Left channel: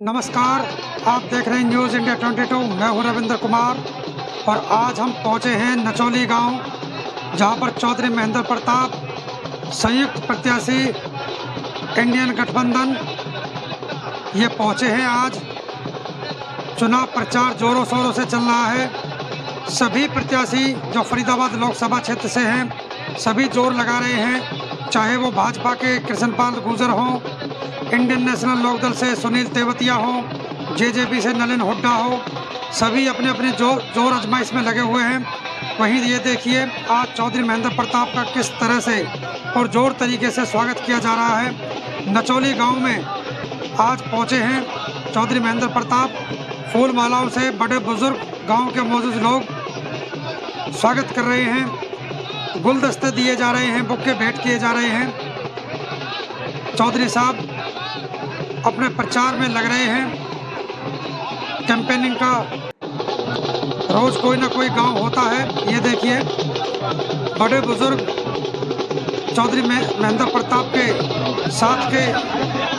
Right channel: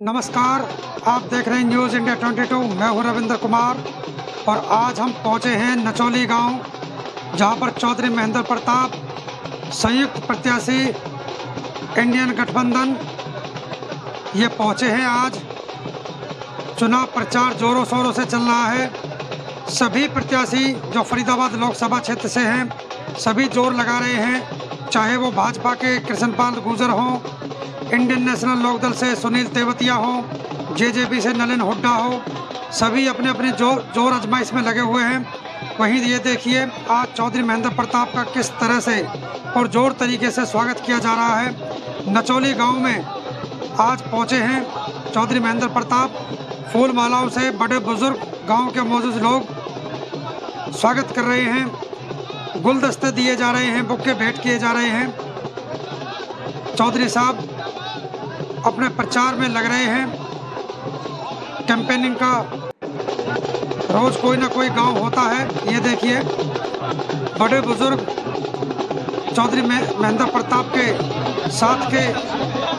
नमस्कार, आप देख रहे हैं न्यूज़ इंडिया 22। मैं हूं रविंद्र कुमार और आज हम पहुंचे हैं नचौली गांव, जहां पर चौधरी महेंद्र प्रताप संयुक्त प्रत्याशी इंडियन गठबंधन ये पहुंचे हैं। आज चुनाव प्रचार जोरों शोरों से चल रहा है। सभी प्रत्याशी जो फरीदाबाद लोकसभा क्षेत्र से हैं सभी जोर लगा रहे हैं, चाहे वो भाजपा के कृष्णपाल गुर्जर हों, इंडियन नेशनल लोकदल से सुनील तेवतिया हो, जेजेपी से नलिन हुड्डा हो, सभी अपने अपने जोर आजमाइश में लगे हुए हैं। वहीं ये देखिए आज चौधरी महेंद्र प्रताप का किस तरह से और जोर तरीके से स्वागत किया जा रहा है। नचौली गांव में आज पहुंचे हैं चौधरी महेंद्र प्रताप। फूल मालाओं से बड़े बुजुर्ग गांव के मौजूद लोग स्वागत कर रहे हैं, गुलदस्ते दिए जा रहे हैं, बुक्के भेंट किए जा रहे हैं। चौधरी साहब अपने प्रचार में लग रहे हैं। कैंपेनिंग का रोज कोई ना कोई गांव होता है। ये देखिए बड़े बुजुर्ग चौधरी महेंद्र प्रताप के साथ के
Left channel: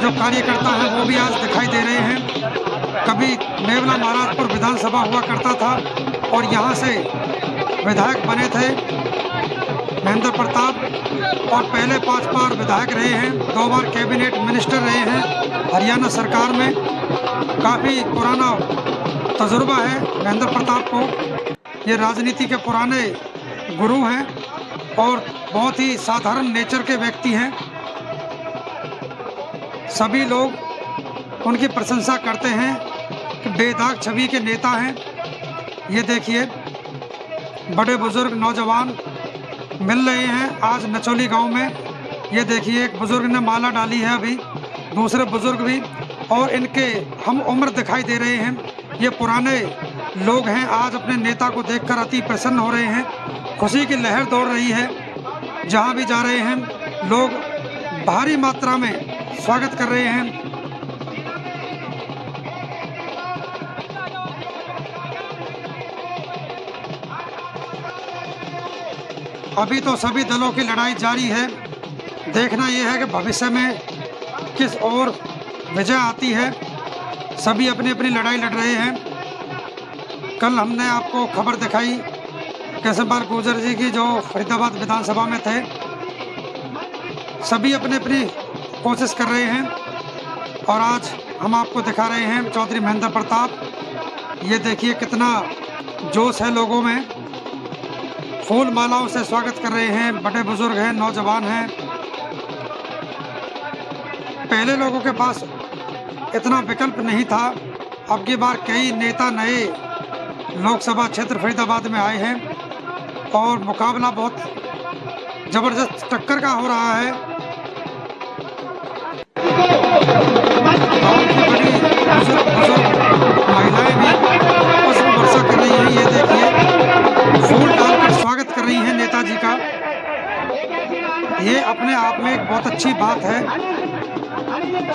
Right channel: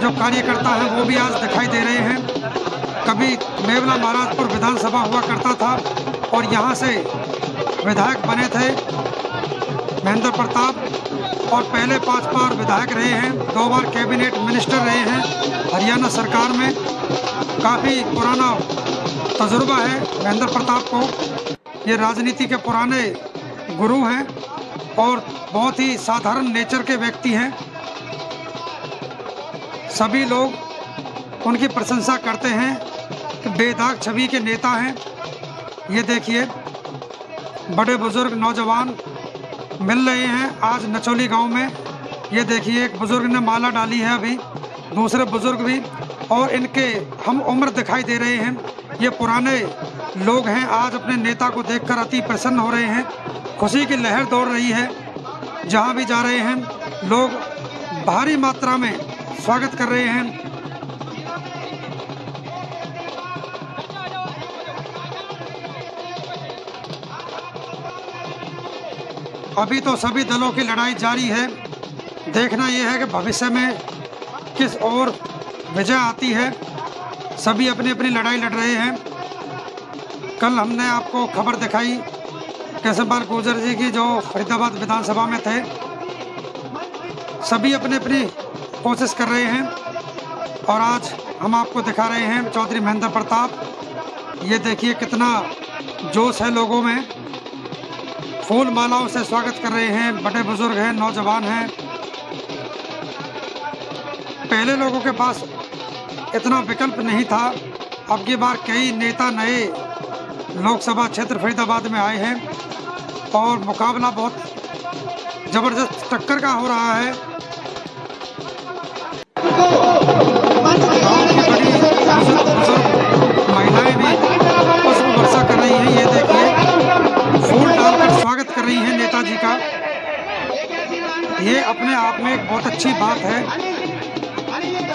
जो कार्यकर्ता हैं वो भी आज दिखाई दे रहे हैं। कभी मेवला महाराजपुर विधानसभा हुआ करता था और यहाँ से विधायक बने थे महेंद्र प्रताप और पहले 5 बार विधायक रहे हैं, 2 बार कैबिनेट मिनिस्टर रहे हैं हरियाणा सरकार में। काफ़ी पुराना तजुर्बा है महेंद्र प्रताप को। ये राजनीति के पुराने गुरु हैं और बहुत ही साधारण नेचर के व्यक्ति हैं। सभी लोग उनकी प्रशंसा करते हैं कि बेदाग छवि के नेता हैं। ये देखिए बड़े बुजुर्ग नौजवान मिल रहे हैं आज नचौली गांव में। ये देखिए एक बुजुर्ग ने माला डाली है, अभी दूसरे बुजुर्ग भी, और इनके हम उम्र दिखाई दे रहे हैं। ये पुराने लोग हैं, आज अपने नेता को देखकर अति प्रसन्न हो रहे हैं। खुशी की लहर दौड़ रही है। जहां भी जा रहे हैं लोग भारी मात्रा में स्वागत कर रहे हैं। अभी तो सभी दलों की लड़ाई जारी है। देखना यह है कि भविष्य में किस ओर विजय आती है। सभी अपनी अपनी लड़ाई लड़ रहे हैं। कल हमने आपको खबर दिखाई कृष्णपाल गुर्जर जी की जो फरीदाबाद विधानसभा में थे। सभी अपनी अपनी कोशिश कर रहे हैं और आज हम आपको दिखा रहे हैं चौधरी महेंद्र प्रताप। ये देखिए कितना जोश है लोगों में। फूल मालाओं से स्वागत कर रहे हैं, बड़े बुजुर्ग हैं, नौजवान हैं। पहले लोगों के पास इतना विकल्प नहीं था। अब की बार कई नेता नए लोकसभा क्षेत्र फरीदाबाद में आए हैं और मुकाबला बहुत ज़बरदस्त टक्कर का हो रहा है। गांव की बड़ी बुजुर्ग महिलाएं भी पुष्प वर्षा कर रही हैं। ये देखिए फूल डालकर स्वागत कर रही हैं नेताजी का। ये अपने आप में एक बहुत अच्छी बात है।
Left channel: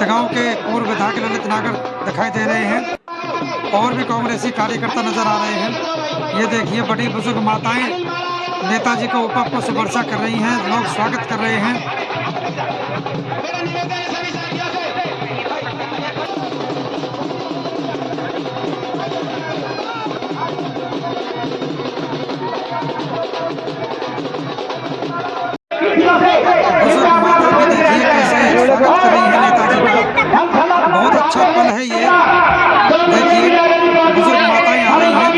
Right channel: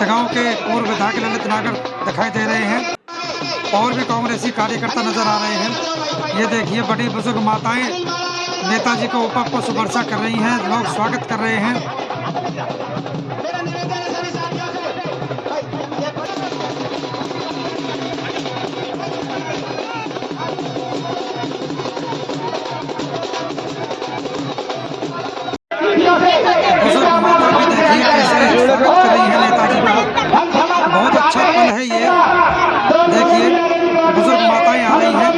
गांव के पूर्व विधायक ललित नागर दिखाई दे रहे हैं और भी कांग्रेसी कार्यकर्ता नजर आ रहे हैं। ये देखिए बड़ी बुजुर्ग माताएं नेताजी को ऊपर पुष्प वर्षा कर रही हैं, लोग स्वागत कर रहे हैं। बुजुर्ग माता भी देखिए कैसे स्वागत कर रही है नेताजी का। बहुत अच्छा पल है ये। देखिए बुजुर्ग माताएं आ रही हैं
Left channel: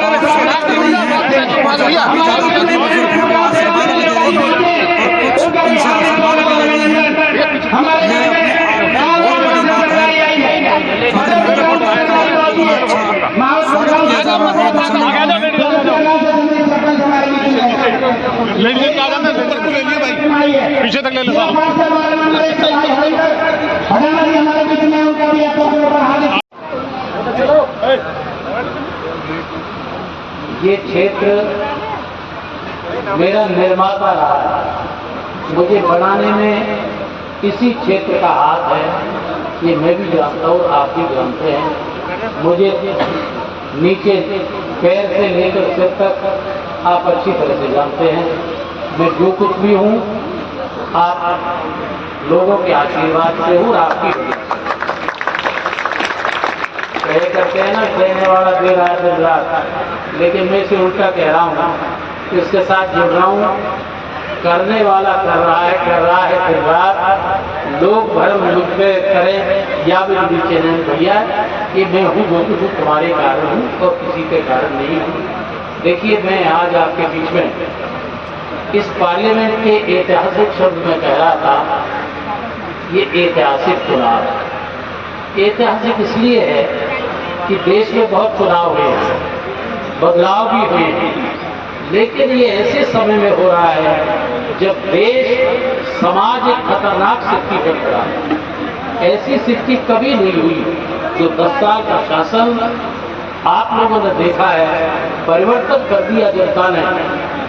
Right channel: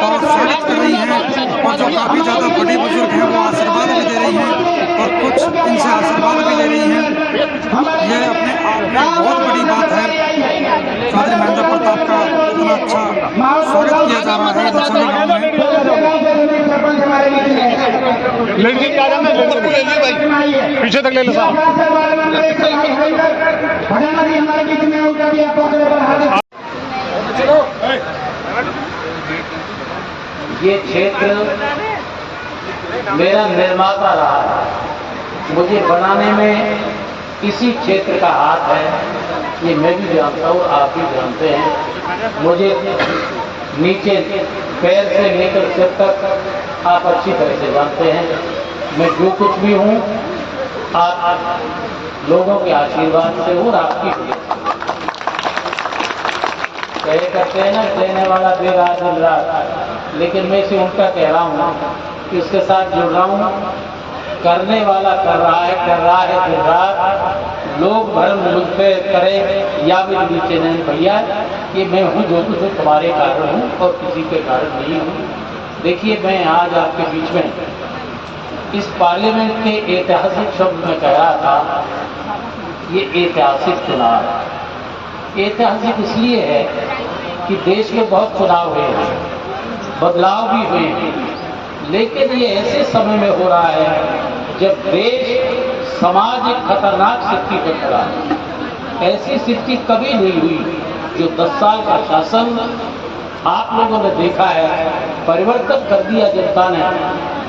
और स्वागत कर रही हैं और जो काफ़ी ज़्यादा बड़ी बुजुर्ग हैं वो आशीर्वाद भी दे रही हैं और कुछ इनसे आशीर्वाद भी ले रही हैं। ये अपने आप में बहुत बड़ी बात है। चौधरी महेंद्र प्रताप का इतना अच्छा स्वागत किया जा रहा है नचौली गाँव में। पीछे तक ले लो। ये क्षेत्र मेरा निर्माता रहा है। मुझे बनाने में इसी क्षेत्र का हाथ है। ये मैं भी जानता हूँ, आप भी जानते हैं। मुझे नीचे पैर से लेकर सिर तक आप अच्छी तरह से जानते हैं। मैं जो कुछ भी हूँ आप लोगों के आशीर्वाद से हूँ, आपकी कहे करते हैं ना, कहने वाला दे रहा है दिन रात, लेकिन मैं इसे उल्टा कह रहा हूँ, इसके साथ जुड़ रहा हूँ। करने वाला कर रहा है दिन रात। लोग भरम मुद्दे करें या भी नीचे नहीं भैया, कि मैं हूँ जो कुछ तुम्हारे कारण हूँ और किसी के कारण नहीं हूँ। देखिए, मैं आज आपके बीच में इस पार्लियामेंट के ऐतिहासिक शब्द में कह रहा था, ये ऐतिहासिक चुनाव ऐतिहासिक इसलिए है कि देश में बहुत चुनाव हुए हैं, बदलाव भी हुए हैं, लेकिन ये ऐसे समय में हो रहा है जब देश समाज एक खतरनाक स्थिति पर खड़ा है। ऐसी स्थिति कभी नहीं हुई जो 10 साल का शासन आप लोगों ने देखा है। परिवर्तन कर दिया जनता ने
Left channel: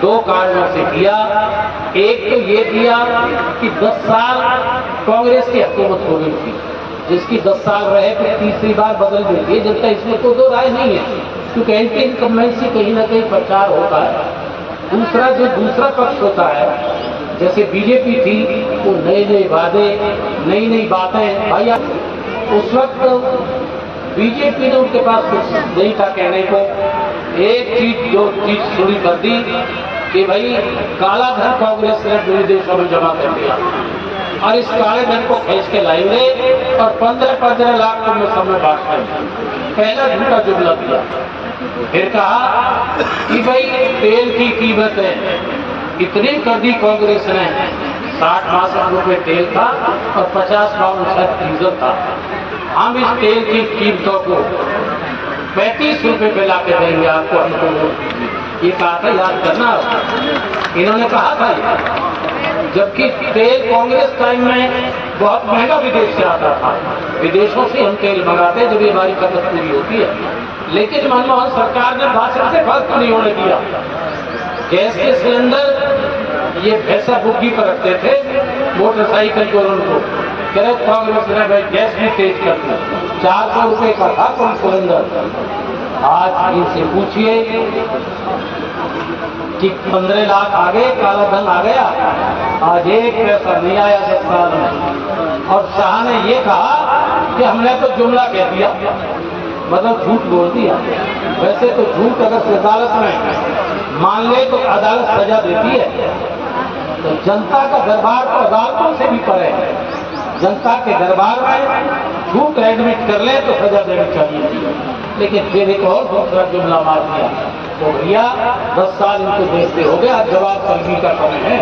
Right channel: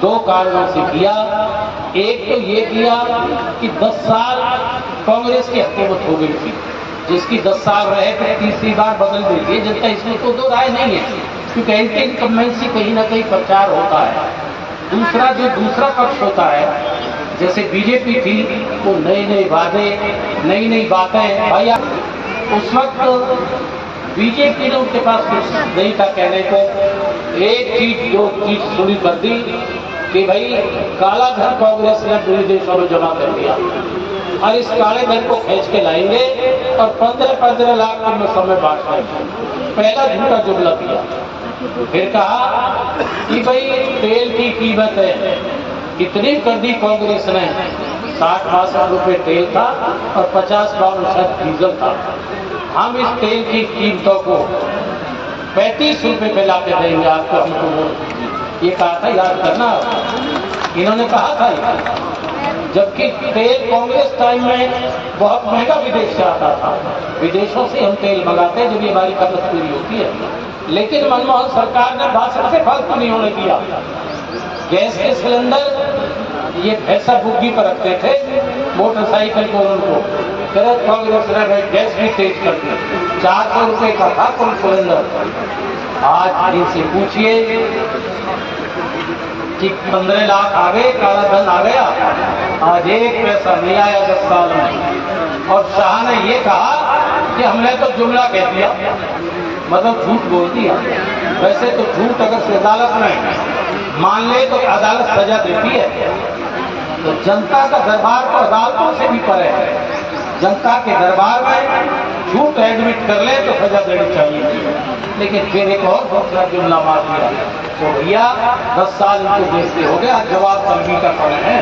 2 कारणों से किया। एक तो ये किया कि 10 साल कांग्रेस की हुकूमत हो गई थी, जिसकी 10 साल रहे थे, तीसरी बार बदल गई थी जनता, इसमें तो 2 राय नहीं है, क्योंकि एंटी इनकम्बेंसी कहीं ना कहीं प्रचार होता है। दूसरा पक्ष होता है, जैसे बीजेपी थी, वो नए वादे, नई बातें। भैया उस वक्त बीजेपी ने उनके पास कुछ नहीं था कहने को। एक चीज शुरू कर दी कि भाई काला धन कांग्रेस ने विदेशों में जमा कर दिया और इस काले धन को खींच के लाएंगे और 15 लाख में समय बांट कर पहला झूठा जुमला किया। फिर कहा कि भाई तेल की कीमत है इतनी कर दी कांग्रेस ने, 60-62 रुपए तेल था और 50-52 डीजल था। हम इस तेल की कीमतों को 35 रुपए पे ला के देंगे आपको, हमको ये कहा था, याद करना। इन्होंने कहा था, जबकि तेल कांग्रेस टाइम में बहुत महंगा विदेश से आता था। विदेशों से हम तेल मंगाते जब हमारी खपत पूरी होती है। लेकिन मनमोहन सरकार ने भाषण से फर्क नहीं होने दिया। गैस के सिलेंडर ये भैंसा बुग्गी पर रखते थे, मोटरसाइकिल को उनको कांग्रेस ने भाई गैस भी तेज कर दी। 400 रुपए का था कौन सिलेंडर। आज इनसे पूछिए कि 15 लाख आ गए, काला धन आ गया, आज 1 पैसा नहीं आया 10 साल में। और शाह ने ये कहा कि हमने तो जुमला कह दिया, मतलब झूठ बोल दिया। वैसे तो झूठ अगर अदालत में मान ले तो अदालत सजा देती है। तो जनता का दरबार तो अदालतों से भी परे है। जनता के दरबार में झूठ एडमिट कर ले तो सजा देनी चाहिए, लेकिन फिर एक और दूसरा जुमला मार दिया। तो भैया 10 साल इनको देखते हो गए, आज जवाब तंगी का पड़ है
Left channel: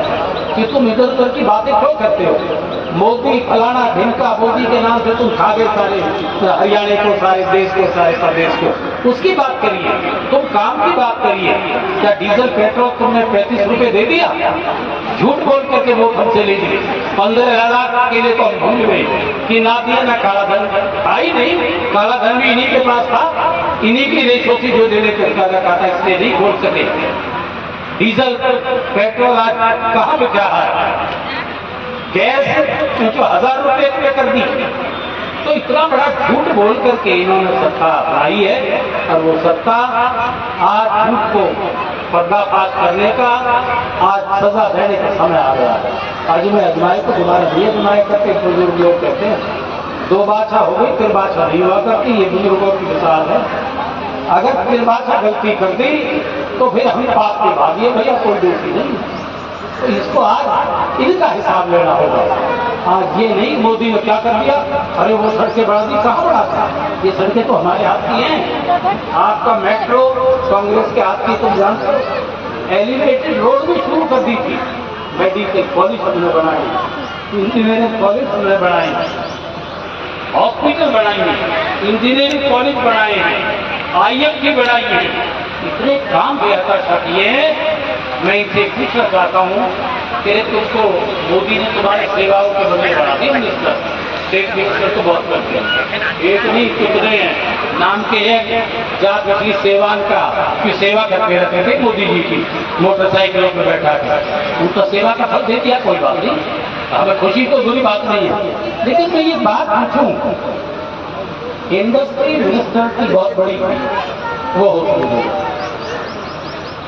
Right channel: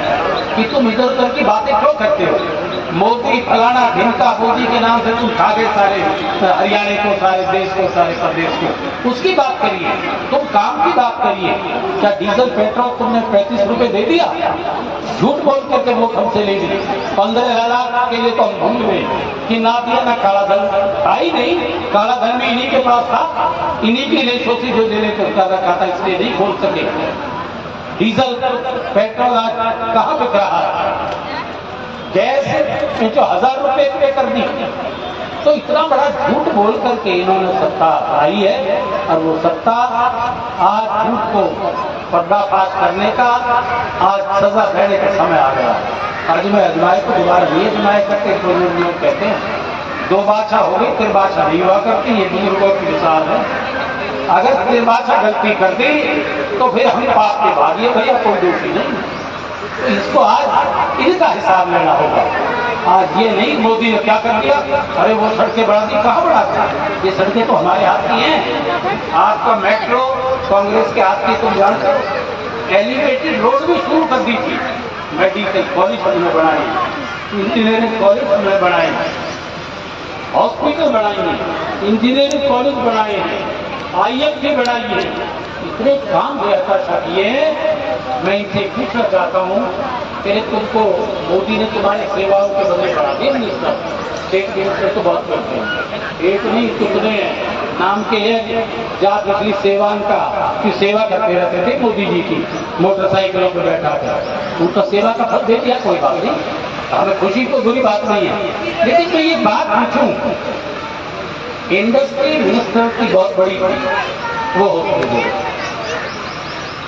कि तुम इधर उधर की बातें क्यों करते हो। मोदी फलाना ढिमका मोदी के नाम से तुम खा गए सारे हरियाणा को, सारे देश को, सारे प्रदेश को, उसकी बात करिए, तुम काम की बात करिए। क्या डीजल पेट्रोल तुमने 35 रुपए दे दिया? झूठ बोल करके वोट हमसे ले ली। 15 लाख के लिए तो हम भूल गए कि ना दिया ना काला धन आई नहीं। काला धन भी इन्हीं के पास था, इन्हीं की रेशो थी जो देने को कर रखा था, इसलिए नहीं खोल सके। डीजल पेट्रोल आज कहाँ बिक रहा है? गैस जो 1000 रुपए पे कर दी। तो इतना बड़ा झूठ बोल करके इन्होंने सत्ता आई है, और वो सत्ता आज झूठ को पर्दाफाश करने का, आज सजा देने का समय आ गया है। आज मैं अजमाए को दोबारा नहीं अजमाए करते, बुजुर्ग लोग कहते हैं 2 बाछा हो गई, 3 बाछा नहीं हुआ करती। ये बुजुर्गों की मिसाल है। अगर 3 बाछा गलती कर दी तो फिर हम पाप के भागिए, भैया कोई दोषी नहीं। तो इसको आज इनका हिसाब लेना होगा। आज ये नहीं मोदी ने क्या कर दिया, अरे वो सड़कें बढ़ा दी, कहाँ बढ़ा दी? ये सड़कें तो हमारे हाथ की हैं। आपका मेट्रो कांग्रेस के हाथ की, तुम जानते हो। एलिवेटेड रोड भी शुरू कर दी थी, मेडिकल कॉलेज हमने बनाए, इंजीनियरिंग कॉलेज हमने बनाए, हॉस्पिटल बनाएंगे, इंजीनियरिंग कॉलेज बनाए, IIT बनाई है। इतने काम बेहतर किए हैं। मैं इनसे पूछना चाहता हूँ कि तुमको मोदी ने तुम्हारी सेवाओं के बदले बढ़ा दिया मिनिस्टर, स्टेट मिनिस्टर तो बहुत करते हैं, एक नहीं कितने हैं नाम के एक जाति सेवान का की सेवा करते रहते थे मोदी जी की, मोटरसाइकिलों पर बैठा कर उनका सेवा का फल दे दिया। कोई बात नहीं, हमें खुशी को बुरी बात नहीं है। लेकिन मैं ये बात पूछूं, इंडस्ट्री मिनिस्टर की बहुत बड़ी वो होती है।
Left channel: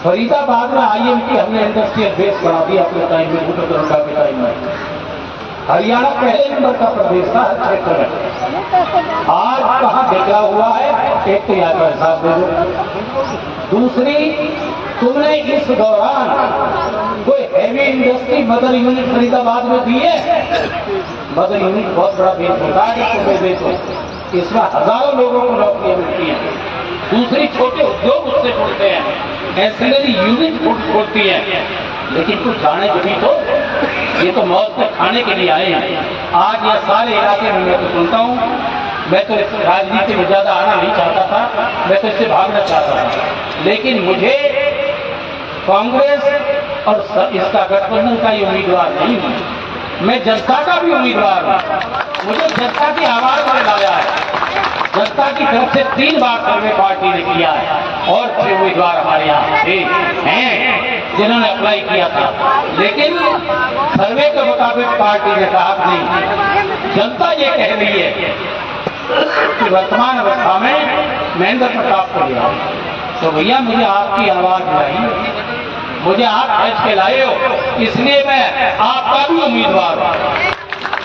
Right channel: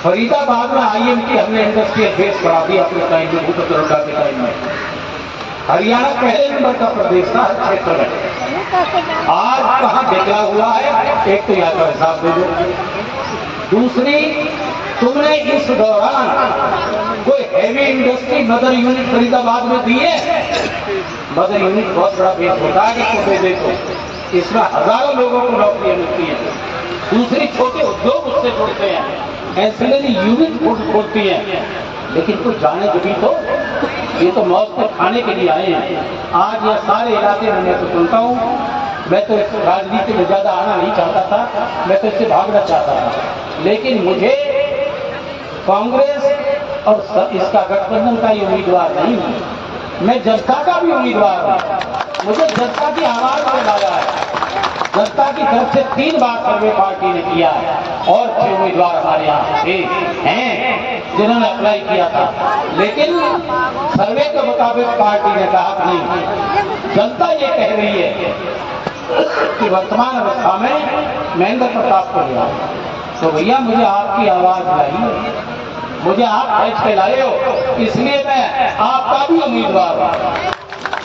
फरीदाबाद में IMT हमने इंडस्ट्रियल बेस करा दिया अपने टाइम में, भूपेंद्र के टाइम में। हरियाणा पहले नंबर का प्रदेश था, 6 करोड़। आज कहाँ बिखरा हुआ है, एक तो याद पर साहब दे दो। दूसरी, तुमने इस दौरान कोई heavy industry mother unit Faridabad में दी है? मदर यूनिट बहुत बड़ा बेस होता है कि देखो, इसमें हजारों लोगों को नौकरियां मिलती हैं। दूसरी, छोटे उद्योग उससे जुड़ते हैं, एंसिलरी यूनिट जुड़ती है। लेकिन कुछ जाने भी तो, ये तो मौत को खाने के लिए आए हैं। आज यह सारे इलाके में मैं तो सुनता हूँ, मैं तो इस राजनीति में ज्यादा आना नहीं चाहता था, मैं तो इससे भागना चाहता था। लेकिन मुझे कांग्रेस और इसका गठबंधन का ही उम्मीदवार नहीं हूँ, मैं जनता का भी उम्मीदवार हूँ। मुझे जनता की आवाज में लाया है, जनता की तरफ से 3 बार सर्वे पार्टी ने किया है और 6 उम्मीदवार हमारे यहाँ हैं जिन्होंने अप्लाई किया था। लेकिन सर्वे के मुताबिक पार्टी ने कहा नहीं, जनता ये कह रही है कि वर्तमान अवस्था में महेंद्र प्रताप को लिया। तो भैया मुझे आपकी आवाज चाहिए, मुझे आप खर्च के लाए हो, इसलिए मैं आपका भी उम्मीदवार हूँ,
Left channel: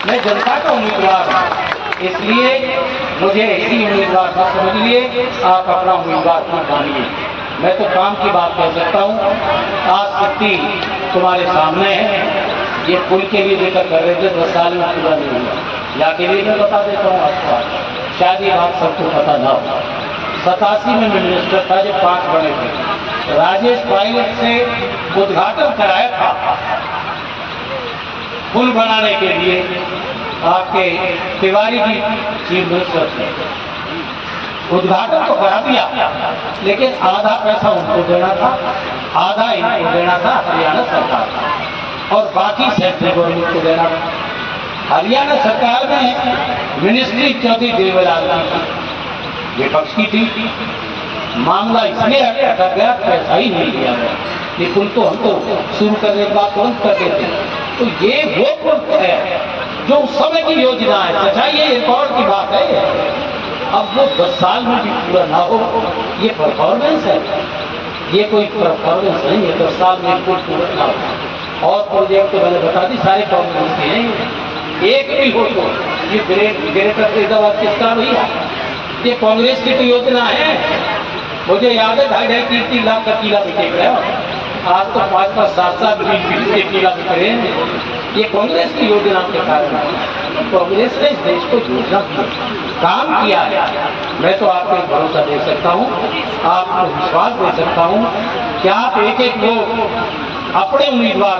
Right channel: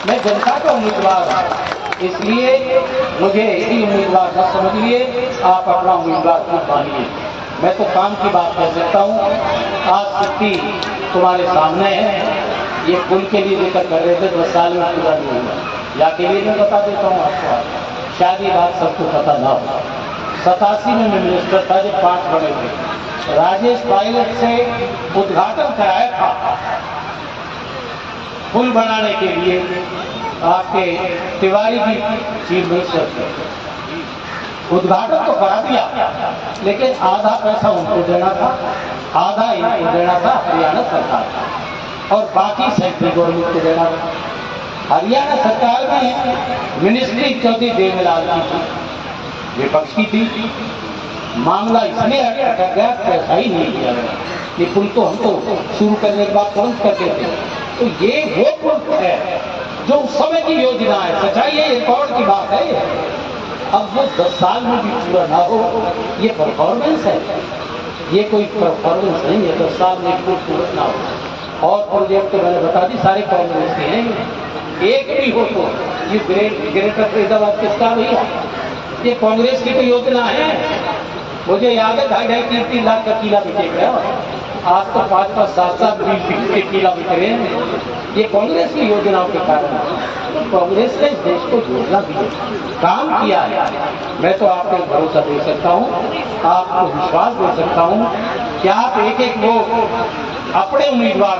मैं जनता का उम्मीदवार हूँ। इसलिए मुझे इसी उम्मीदवार को समझ लिए, आप अपना उम्मीदवार खुद मानिए। मैं तो काम की बात कर सकता हूँ। आज छुट्टी तुम्हारे सामने है, ये पुल के लिए जिक्र कर रहे थे, 10 साल में पूरा नहीं हुआ। या के लिए मैं बता देता हूँ आपको, शायद ये बात सबको पता ना हो। 87 में मैं मिनिस्टर था जब 5 बने थे, राजेश पायलट से उद्घाटन कराया था पुल बनाने के लिए, आपके तिवारी जी चीफ मिनिस्टर थे। उद्घाटन तो करा दिया, लेकिन आधा पैसा उनको देना था, आधा इनको देना था हरियाणा सरकार का, और बाकी सेंट्रल गवर्नमेंट को देना था। हरियाणा सरकार में मिनिस्ट्री चौधरी देवलाल की विपक्ष की थी। मामला इसमें रखा गया, पैसा ही नहीं दिया गया। ये पुल तो हमको शुरू करने के बाद तुरंत कर देते। तो ये वो पुल है जो उस समय की योजना है। सच्चाई ये रिकॉर्ड की बात है। अब वो 10 साल में भी पूरा ना हो, ये परफॉर्मेंस है, ये कोई परफॉर्मेंस नहीं है। 10 साल में कोई पूरा ना हो। और प्रोजेक्ट तो मैंने बता दी, सारे कांग्रेस के हैं, एक भी हो तो ये ग्रेटर फरीदाबाद किसका भैया? ये कांग्रेस की तो योजना है। मुझे याद है 2.5-3 लाख का किला बिके गया, आज तो 5 7 के किला बिक रहे हैं। ये कांग्रेस की योजनाओं के कारण है। तो कांग्रेस ने इस देश को योजना दी, काम किया है। मैं तो आपको भरोसा दे सकता हूँ, आपको विश्वास दे सकता हूँ कि आप एक वोट अपने उम्मीदवार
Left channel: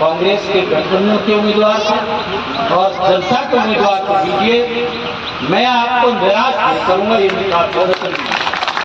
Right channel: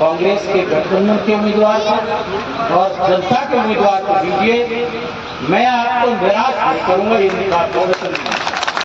कांग्रेस के गठबंधन के उम्मीदवार और जनता के उम्मीदवार को दीजिए। मैं आपको निराश नहीं करूंगा, ये आपको